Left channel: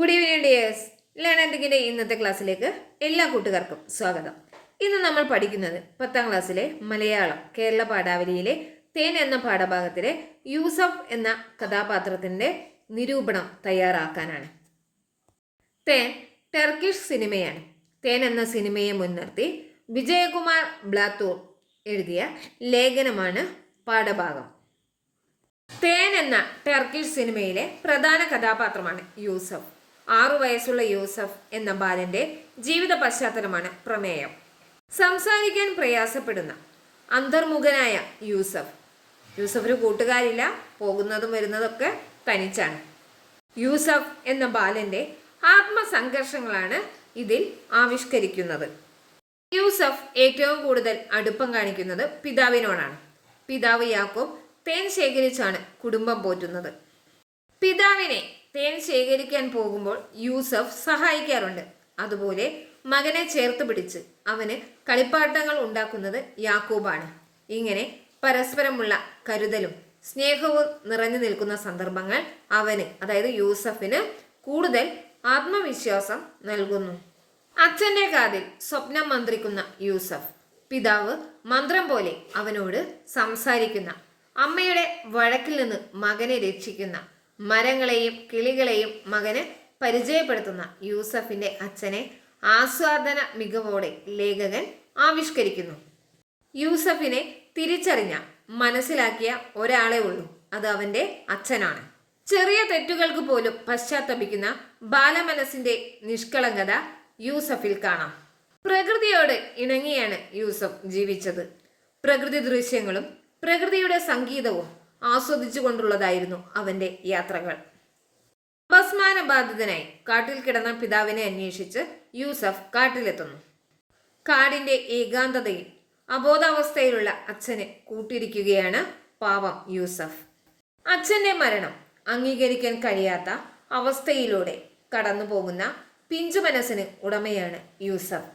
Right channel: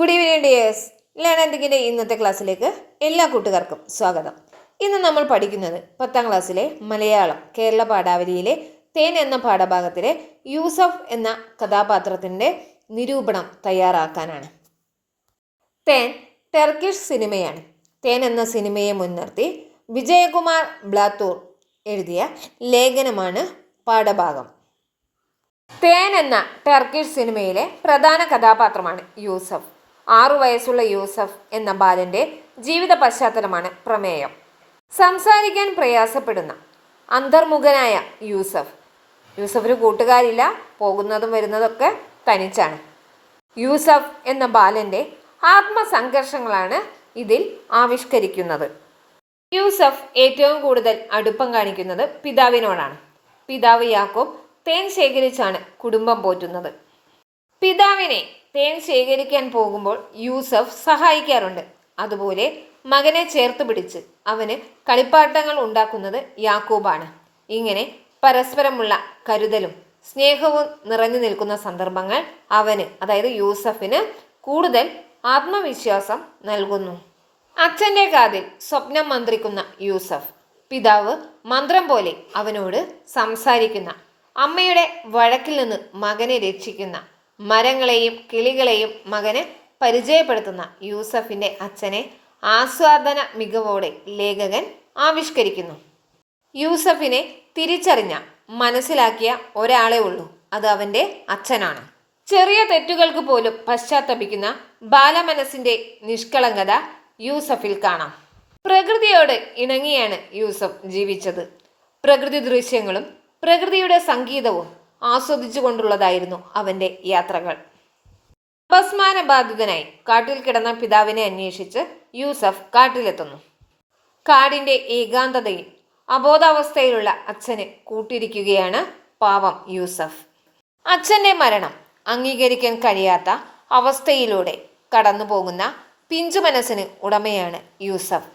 Good evening dears. ലേണന്തിങ്ങിന്റെ ഇന്നത്തെ ക്ലാസ്സിലേക്ക് എല്ലാ കൂട്ടുകാർക്കും സ്വാഗതം. ഇന്ന് നമ്മൾ പഠിക്കുന്നത് പത്താം ക്ലാസ്സിലെ മലയാളം കേരള പാഠാവലിയിലെ തേൻ എന്ന പാഠഭാഗത്തിലെ യൂസഫ് എന്ന കഥാപാത്രത്തിന്റെ നിരൂപണം തയ്യാറാക്കാനാണ്. തേൻ ടർക്കിഷ് സിനിമയാണ്. തേൻ എന്ന സിനിമയെ മുൻനിർത്തി വിജയകുമാർ ബ്ലാത്തൂർ എഴുതിയ ലേഖനമാണ് പാഠഭാഗം. തേൻ എന്ന ടർക്കിഷ് സിനിമയിലെ പ്രധാന കഥാപാത്രമാണ് യൂസഫ്. ആറു വയസ്സുള്ള യൂസഫ് എന്ന ബാലന്റെ ജീവിത പശ്ചാത്തലമാണ് പ്രമേയം. സംസാരിക്കാൻ പ്രയാസപ്പെടുന്ന അന്തർമുഖനായ യൂസഫ്. യൂസഫിന് കൂട്ടുകാരില്ല പോകുന്നതും വരുന്നതൊക്കെ തനിച്ചാണ്. യൂസഫ് എന്ന ബാലന്റെ ആത്മസംഘർഷങ്ങളാണ് ഇതിൽ ആവിഷ്കരിക്കുന്നത്. യൂസഫ് ഏറ്റവും കൂടുതൽ അടുപ്പം കാണിക്കുന്നത് പിതാവിനോടാണ്. പിതാവ് യാക്കോബ് തേൻ ശേഖരിച്ചാണ് കുടുംബം പോറ്റുന്നത്. പിതാവിനെ തേൻ ശേഖരിക്കാൻ പോകുമ്പോൾ യൂസഫ് സഹായിക്കാറുണ്ട്. അതുപോലെ മകനെ ചേർത്ത് പിടിച്ച് അവന് കളിപ്പാട്ടങ്ങൾ ഉണ്ടാക്കുന്നത് യാക്കൂബാണ്. ഇങ്ങനെ പരസ്പരമുള്ള കരുതലും സ്നേഹവും നിറഞ്ഞു നിൽക്കുന്ന സന്ദർഭങ്ങൾ അവന് അതായത് യൂസഫിന് കൂടുതൽ ആത്മവിശ്വാസം നൽകുന്നു. അച്ഛന്റെ കാതിൽ സ്വപ്നം മന്ത്രിക്കുന്ന യൂസഫ് പിതാവ് മന്ത്രം പോലെ അവനോട് സംസാരിക്കുന്ന അമ്മയുടെ വഴക്കിൽ നിന്ന് മകനെ രക്ഷിക്കുന്ന മരങ്ങളെയും കിളികളെയും മകന് പരിചയപ്പെടുത്തുന്ന യൂസഫിന്റെ അച്ഛനെ ആസ്വാദന മികവോടെ ലേഖകൻ ആവിഷ്കരിക്കുന്നു. യൂസഫിനെ തിരിച്ചറിഞ്ഞ മനസ്സിലാക്കിയ ഒരാളെ ഉള്ളൂ. അത് അവന്റെ അച്ഛനാണ്. ചെറിയ തെറ്റുകൾക്ക് പോലും പശ്ചാത്തപിക്കുന്ന ബാലമനസിന്റെ നിഷ്കളങ്കത യൂസഫിൽ കാണാം. പ്രകൃതിയോട് ഇണങ്ങിയാണ് യൂസഫ് ജീവിച്ചത്. പ്രകൃതി ദൃശ്യങ്ങളും പ്രകൃതിയുടെ സംഗീതവും ആസ്വദിച്ചുകൊണ്ടുള്ളതായിരുന്നു അവന്റെ യാത്രകൾ. അപസ്മാരബാധിതനായി കാട്ടിൽ കിടന്ന പിതാവിനെ അന്വേഷിച്ച് യൂസഫ് കാട്ടിലെത്തുന്നു. കാടിന്റെ ഏകാന്തതയിൽ അബോധാവസ്ഥയിലുള്ള അച്ഛനെ കൂട്ടിരിക്കുകയാണ് പാവം യൂസഫ്. അച്ഛന്റെ മരണം അംഗീകരിക്കാൻ കഴിയാത്ത അവസ്ഥയിലൂടെ കടന്നു പോകുന്ന പിഞ്ചു മനസ്സിന് ഉടമയാണ് യൂസഫ്.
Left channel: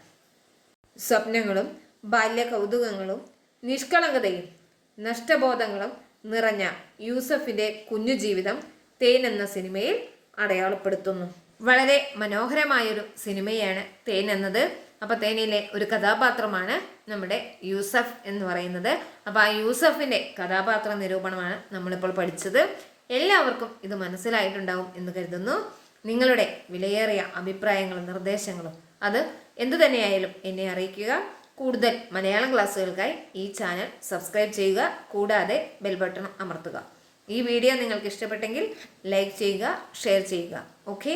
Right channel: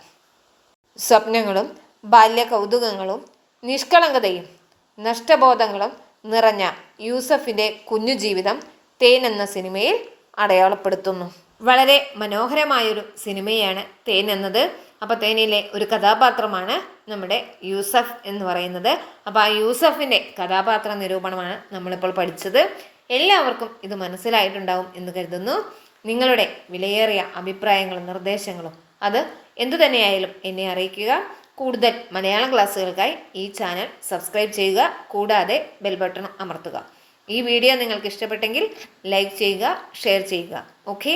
സ്വപ്നങ്ങളും ബാല്യ കൗതുകങ്ങളും നിഷ്കളങ്കതയും നഷ്ടബോധങ്ങളും നിറഞ്ഞ യൂസഫിന്റെ കുഞ്ഞു ജീവിതം തേൻ എന്ന സിനിമയിൽ അടയാളപ്പെടുത്തുന്നു. വളരെ മനോഹരമായൊരു സിനിമയാണ് തേൻ എന്നത്. അപ്പോൾ തേനിലെ ഒരു കഥാപാത്രമാണ് നമ്മുടെ യൂസഫ് എന്ന് പറയുന്നത്. അപ്പോൾ ആ യൂസഫിന്റെ കഥാപാത്ര നിരൂപണമാണ് നമ്മളിപ്പോൾ പഠിച്ചത്. എല്ലാവർക്കും ഇത് മനസ്സിലായിട്ടുണ്ടാവും എന്ന് കരുതുന്നു. നിങ്ങളുടെ വിലയേറിയ അഭിപ്രായങ്ങളും നിർദ്ദേശങ്ങളും അത് എന്തു തന്നെയായാലും എന്നെ അറിയിക്കുക. കൂടുതൽ മലയാളം ക്ലാസ്സുകൾക്കായി ഈ ചാനൽ സബ്സ്ക്രൈബ് ചെയ്യുക കൂടാതെ ബെൽ ബട്ടൺ അമർത്തുക. ഈ വീഡിയോ നിങ്ങൾക്ക് ഇഷ്ടപ്പെട്ടെങ്കിൽ ലൈക്ക് ചെയ്യുക ഷെയർ ചെയ്യുക. ഓക്കെ